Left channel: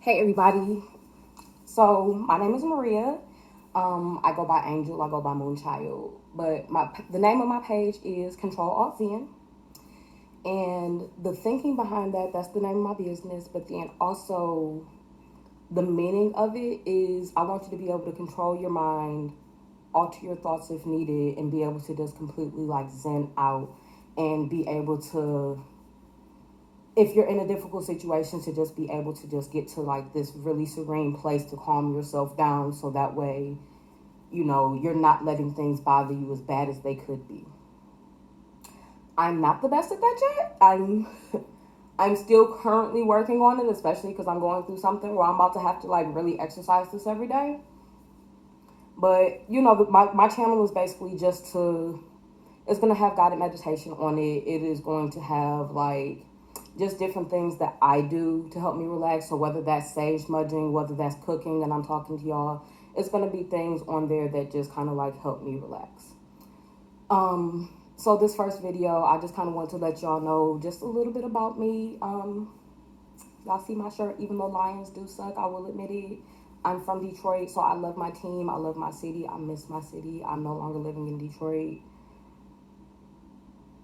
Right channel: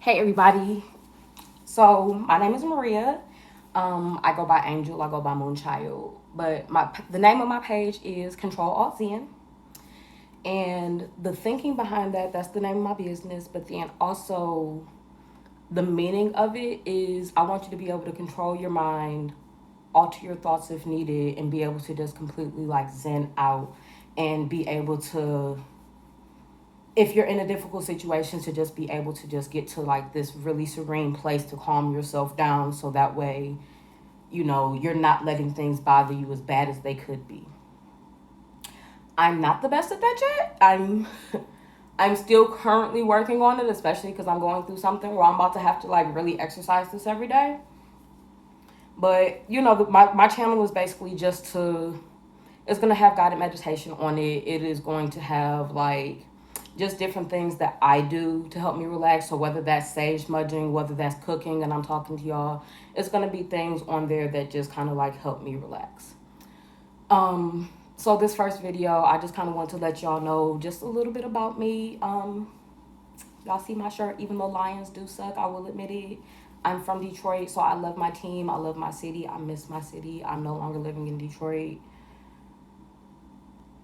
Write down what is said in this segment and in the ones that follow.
Hey everybody. So my name is Maria. I go by Angel. I go by Moonchild. But the name of my page is Control Alt Zen. And the thinking behind that's the name of my business. But then also the meaning of it is I want you to be able to control your mind, alter your thoughts if needed, and be able to just completely like zen out and be able to, if you're in a difficult situation, to just be able to just get to like this really serene place to calm yourself down, so that way you're not letting things bother you as bad as they could be. I'm not the best at that yet. I'm still currently working on it, especially because I'm going through something where I'm about to have to like really exercise this every day. But my channel is basically just to, it's going to have guided meditation on it. It is going to have like just different things that I do to help me relax. So whether that's sage smudging, whether that's cooking, and I'm talking to y'all, it's going to be things on there that just kind of like help me relax. So this first video, I just kind of want to let y'all know just a little bit about me. Y'all see my shirt, even though Lions do suck, I will admit it. I'm from Detroit, so I love my team. I love my city. I miss my city. I'm no longer living in Detroit.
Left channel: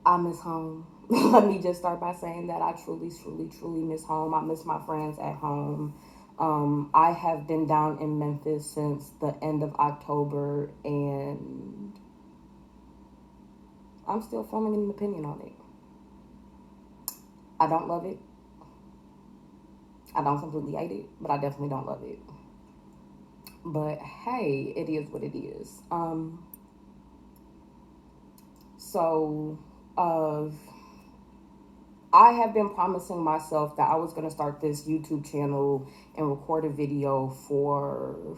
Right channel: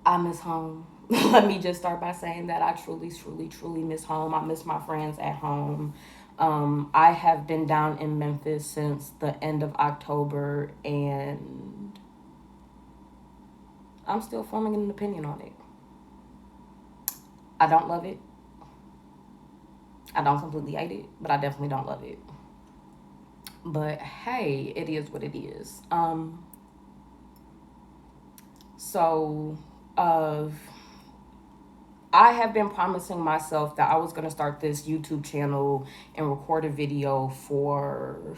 I miss home. Let me just start by saying that I truly, truly, truly miss home. I miss my friends at home. I have been down in Memphis since the end of October, and I'm still forming an opinion on it. I don't love it. I don't completely hate it, but I definitely don't love it. But hey, it is what it is. So, uh, I have been promising myself that I was going to start this YouTube channel and record a video for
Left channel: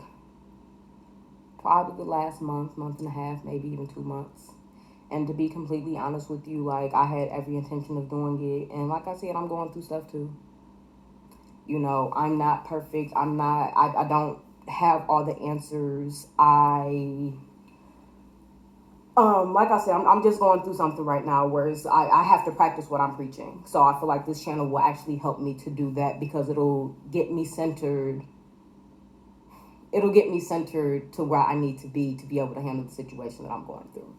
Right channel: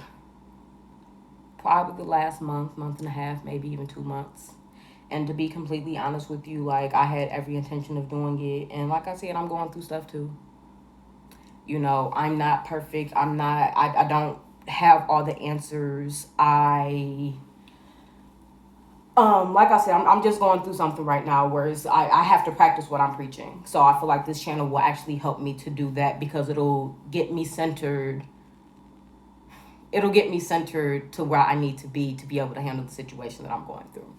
probably the last month and a half, maybe even 2 months. And to be completely honest with you, like I had every intention of doing it. And like I said, I'm going through stuff too. I'm not perfect. I don't have all the answers. Like I said, I'm just going through something right now where I have to practice what I'm preaching. So I feel like this channel will actually help me to do that because it'll get me centered. It'll get me centered to where I need to be able to handle the situation that I'm going through.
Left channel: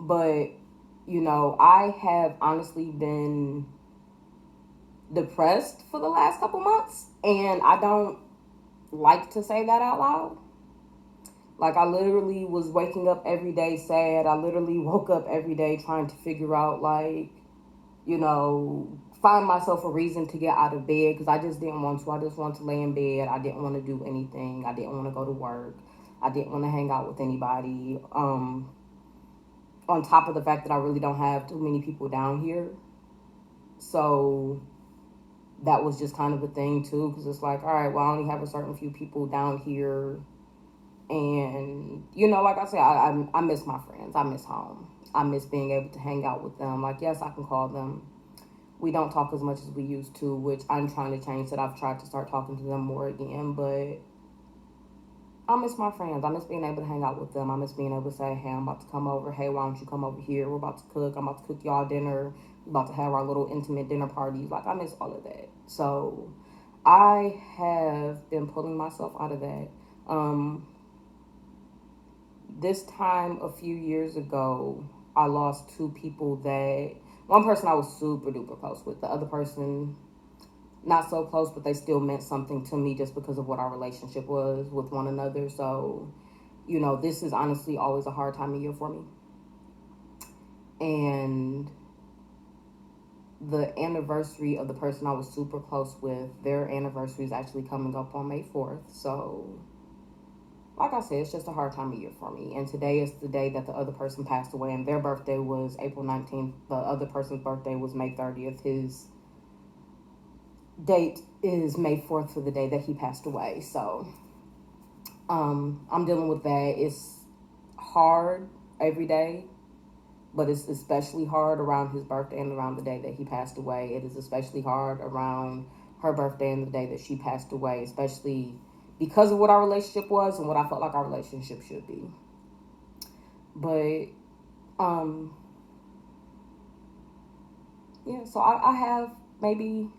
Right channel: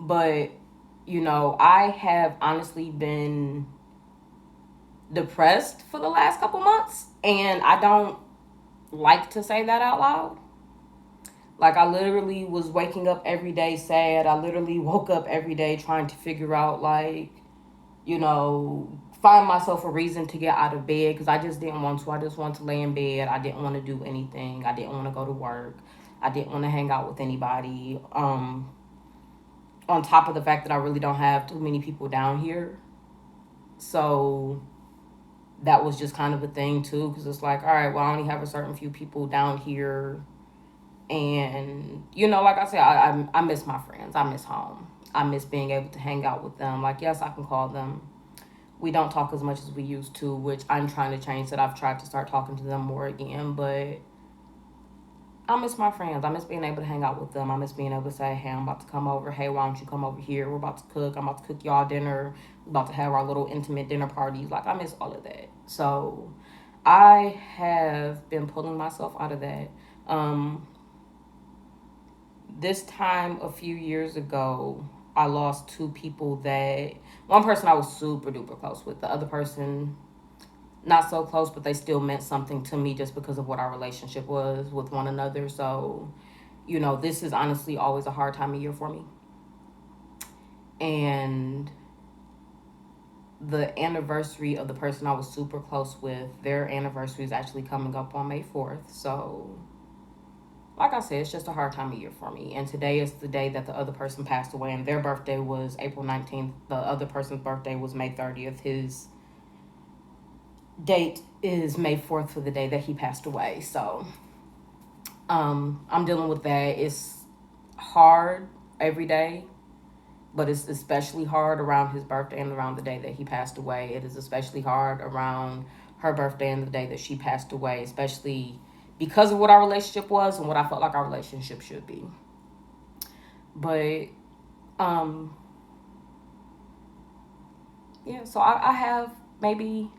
But, I have honestly been depressed for the last couple months, and I don't like to say that out loud. Like, I literally was waking up every day sad. I literally woke up every day trying to figure out, like, find myself a reason to get out of bed because I just didn't want to. I just wanted to lay in bed. I didn't want to do anything. I didn't want to go to work. I didn't want to hang out with anybody. On top of the fact that I really don't have too many people down here. So that was just kind of a thing too because it's like, all right, well, I only have a certain few people down here. And, like I said, I miss my friends. I miss home. I miss being able to hang out with them. Like, yes, I can call them. We don't talk as much as we used to, which I'm trying to change that. I've tried to start talking to them more again, but I miss my friends. I miss being able to hang out with them. I miss being able to say, hey, I'm about to come over. Hey, why don't you come over here? We're about to cook. I'm about to cook y'all dinner. We're about to have our little intimate dinner parties. Like, I miss all of that. So I have been pulling myself out of that. This time a few years ago, I lost two people that, one person I was super duper close with. The other person, not so close, but they still meant something to me just because of what our relationship was with one another. So, this is honestly always a hard time of year for me. And the anniversary of the person I was super close with, their anniversary is actually coming up on May 4th. So, like I said, it's just a hard time of year for me. And today is the day that the other person passed away, and their birthday was April 19th. The other person's birthday was May 30th. His date is May 4th for the day that he passed away. So I'm dealing with that. It's hard every day, but it's especially hard around his birthday and around the day that he passed away. It is especially hard around her birthday and the day that she passed away, especially because of what our relationship was and what I felt like our relationship should be. But yeah, so I have maybe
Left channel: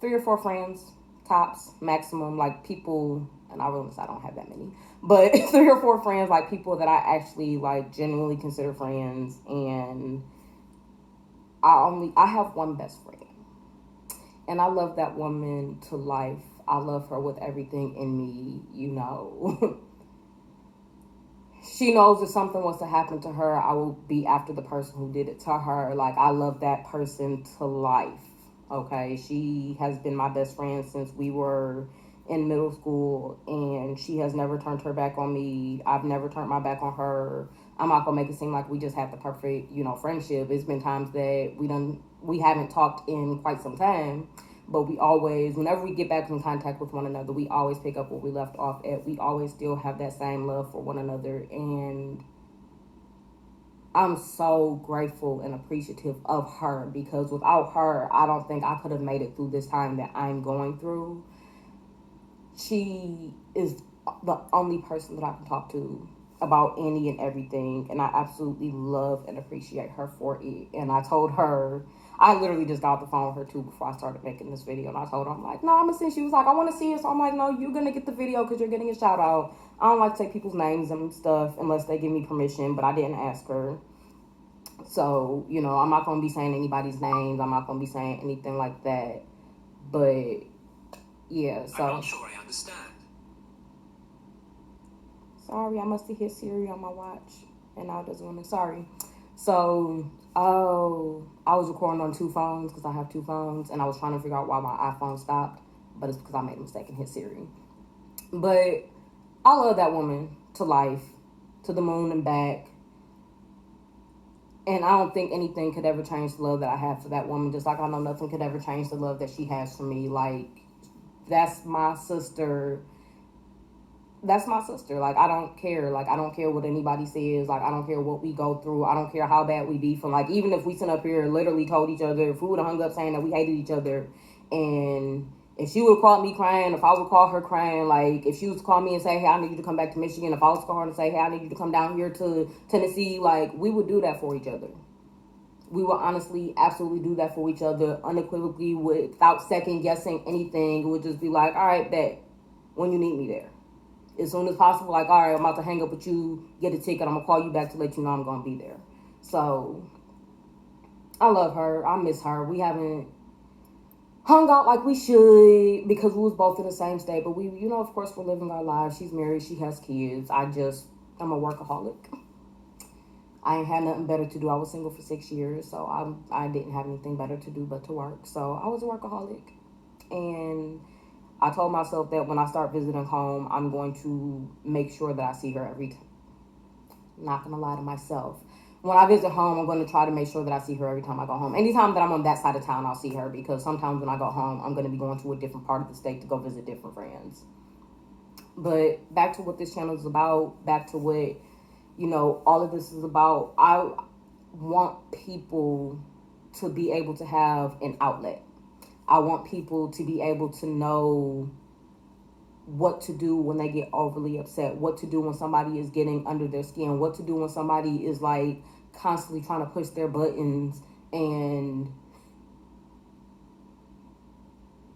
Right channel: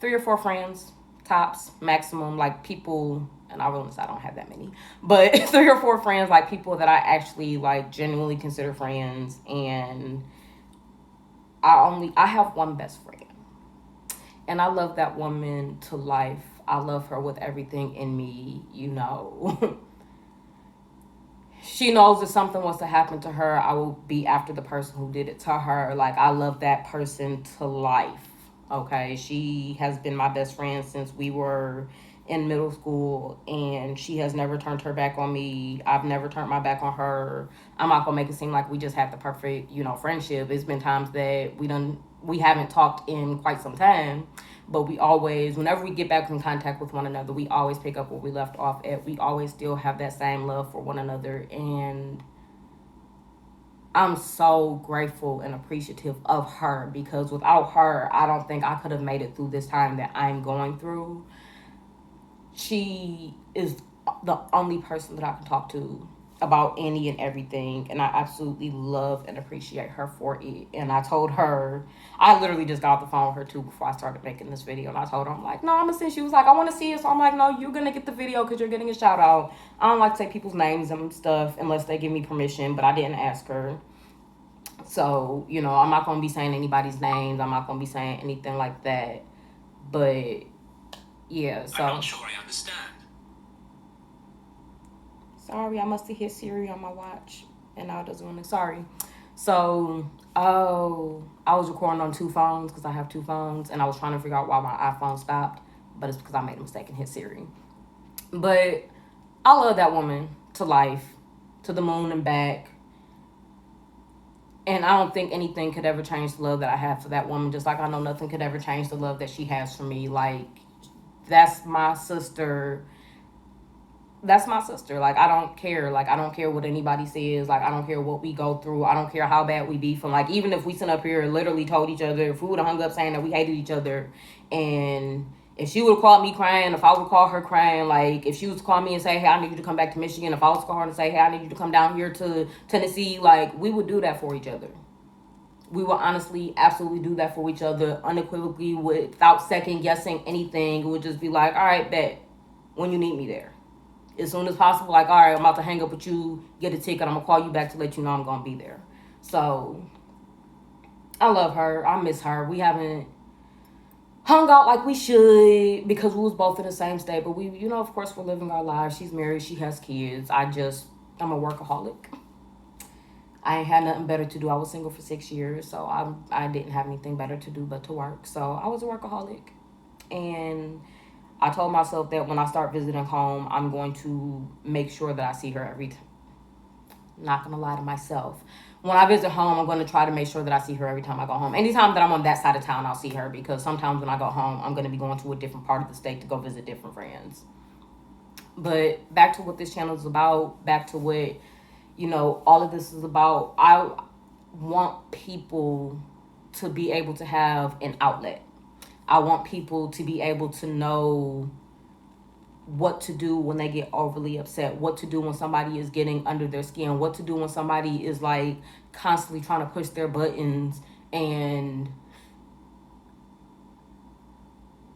3 or 4 friends, tops, maximum, like people, and I realize I don't have that many, but 3 or 4 friends, like people that I actually like genuinely consider friends. And I have one best friend, and I love that woman to life. I love her with everything in me, you know. She knows if something was to happen to her, I will be after the person who did it to her. Like, I love that person to life. Okay, she has been my best friend since we were in middle school, and she has never turned her back on me. I've never turned my back on her. I'm not gonna make it seem like we just had the perfect, friendship. It's been times that we haven't talked in quite some time, but we always, whenever we get back in contact with one another, we always pick up where we left off at. We always still have that same love for one another, and I'm so grateful and appreciative of her, because without her, I don't think I could have made it through this time that I'm going through. She is the only person that I can talk to about any and everything, and I absolutely love and appreciate her for it. And I told her, I literally just got off the phone with her too before I started making this video, and I told her, I'm like, no, I'm gonna see. She was like, I want to see it. So I'm like, no, you're gonna get the video because you're getting a shout out. I don't like to say people's names and stuff unless they give me permission, but I didn't ask her. So, I'm not gonna be saying anybody's names. I'm not gonna be saying anything like that. But yeah, so I'm not sure I understand. Sorry, I must have hit Siri on my watch, and now it doesn't want to. Sorry. So, I was recording on 2 phones because I have 2 phones, and I was trying to figure out why my iPhone stopped, but it's because I made a mistake and hit Siri. But I love that woman to life, to the moon and back. And I don't think anything could ever change the love that I have for that woman, just like I know nothing could ever change the love that she has for me. Like, that's my sister. That's my sister. Like, I don't care. Like, I don't care what anybody says. Like, I don't care what we go through. I don't care how bad we beef. And, like, even if we sit up here and literally told each other, if we would have hung up saying that we hated each other, and if she would have called me crying, if I would call her crying, like, if she was to call me and say, hey, I need you to come back to Michigan, if I was to call her and say, hey, I need you to come down here to Tennessee, like, we would do that for each other. We will honestly absolutely do that for each other unequivocally, without second guessing anything. It would just be like, all right, bet, when you need me there. As soon as possible, like, all right, I'm about to hang up with you, get a ticket, I'm going to call you back to let you know I'm going to be there. So, I love her. I miss her. We haven't hung out like we should because we was both in the same state. But we, of course, we're living our lives. She's married. She has kids. I'm a workaholic. I ain't had nothing better to do. I was single for 6 years, so I didn't have anything better to do but to work. So I was a workaholic. And I told myself that when I start visiting home, I'm going to make sure that I see her every time. Not going to lie to myself. When I visit home, I'm going to try to make sure that I see her every time I go home. Anytime that I'm on that side of town, I'll see her, because sometimes when I go home, I'm going to be going to a different part of the state to go visit different friends. But back to what this channel is about, back to what, all of this is about. I want people to be able to have an outlet. I want people to be able to know what to do when they get overly upset, what to do when somebody is getting under their skin, what to do when somebody is like constantly trying to push their buttons, and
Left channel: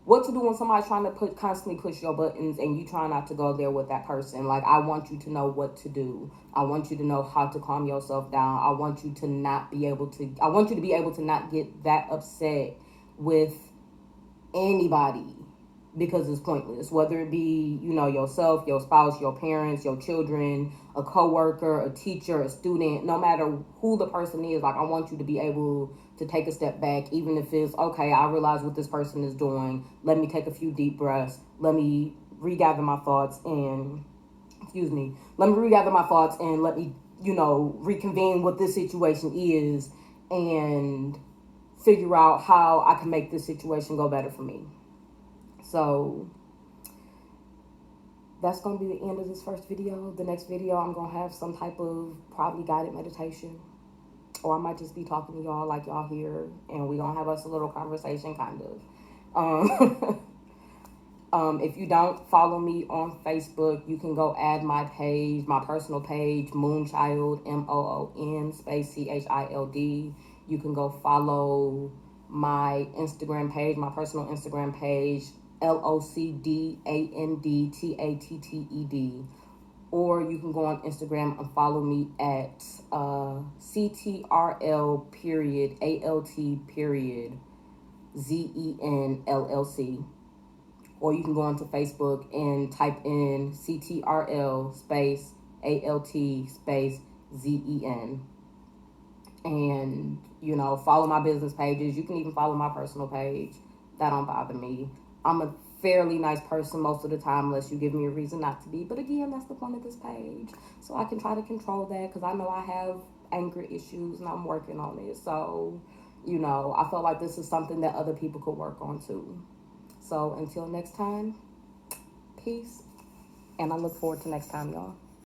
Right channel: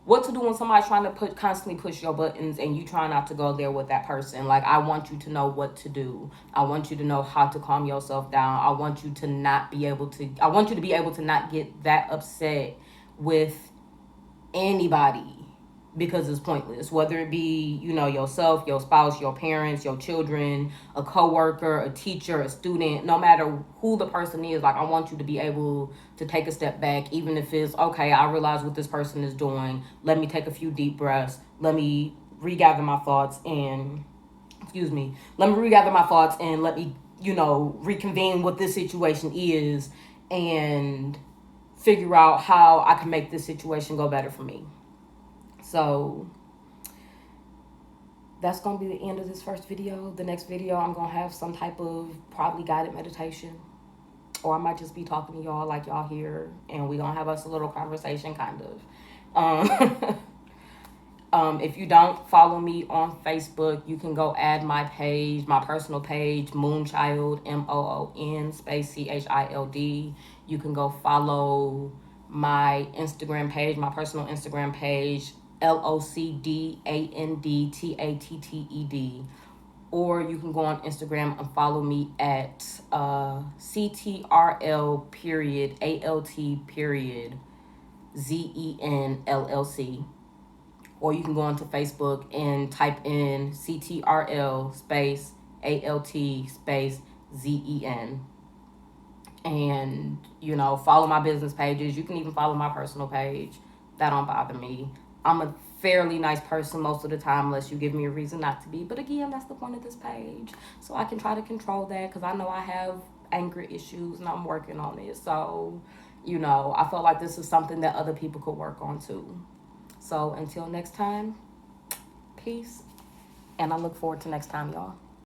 what to do when somebody's trying to constantly push your buttons and you try not to go there with that person. Like, I want you to know what to do. I want you to know how to calm yourself down. I want you to I want you to be able to not get that upset with anybody, because it's pointless, whether it be, yourself, your spouse, your parents, your children, a coworker, a teacher, a student, no matter who the person is. Like, I want you to be able to take a step back, even if it's, okay, I realize what this person is doing. Let me take a few deep breaths. Let me regather my thoughts and, let me, reconvene what this situation is and figure out how I can make this situation go better for me. So that's going to be the end of this first video. The next video, I'm going to have some type of probably guided meditation. Or I might just be talking to y'all like y'all here. And we're going to have us a little conversation, kind of. If you don't follow me on Facebook, you can go add my page, my personal page, Moonchild, MOON space CHILD. You can go follow my Instagram page, my personal Instagram page, LOCDANDTATTED. Or you can go on Instagram and follow me at CTRL period ALT period ZENLLC. Or you can go onto Facebook and type in CTRL space ALT space ZEN. And, follow my business pages. You can even follow my personal page. That don't bother me. I'm a fairly nice person most of the time, unless you give me a reason not to be. But again, that's the point of this page. So I can try to control that, because I know I have anger issues and I'm working on it. So, I felt like this is something that other people could work on too. So until next time, peace. And I look forward to next time, y'all.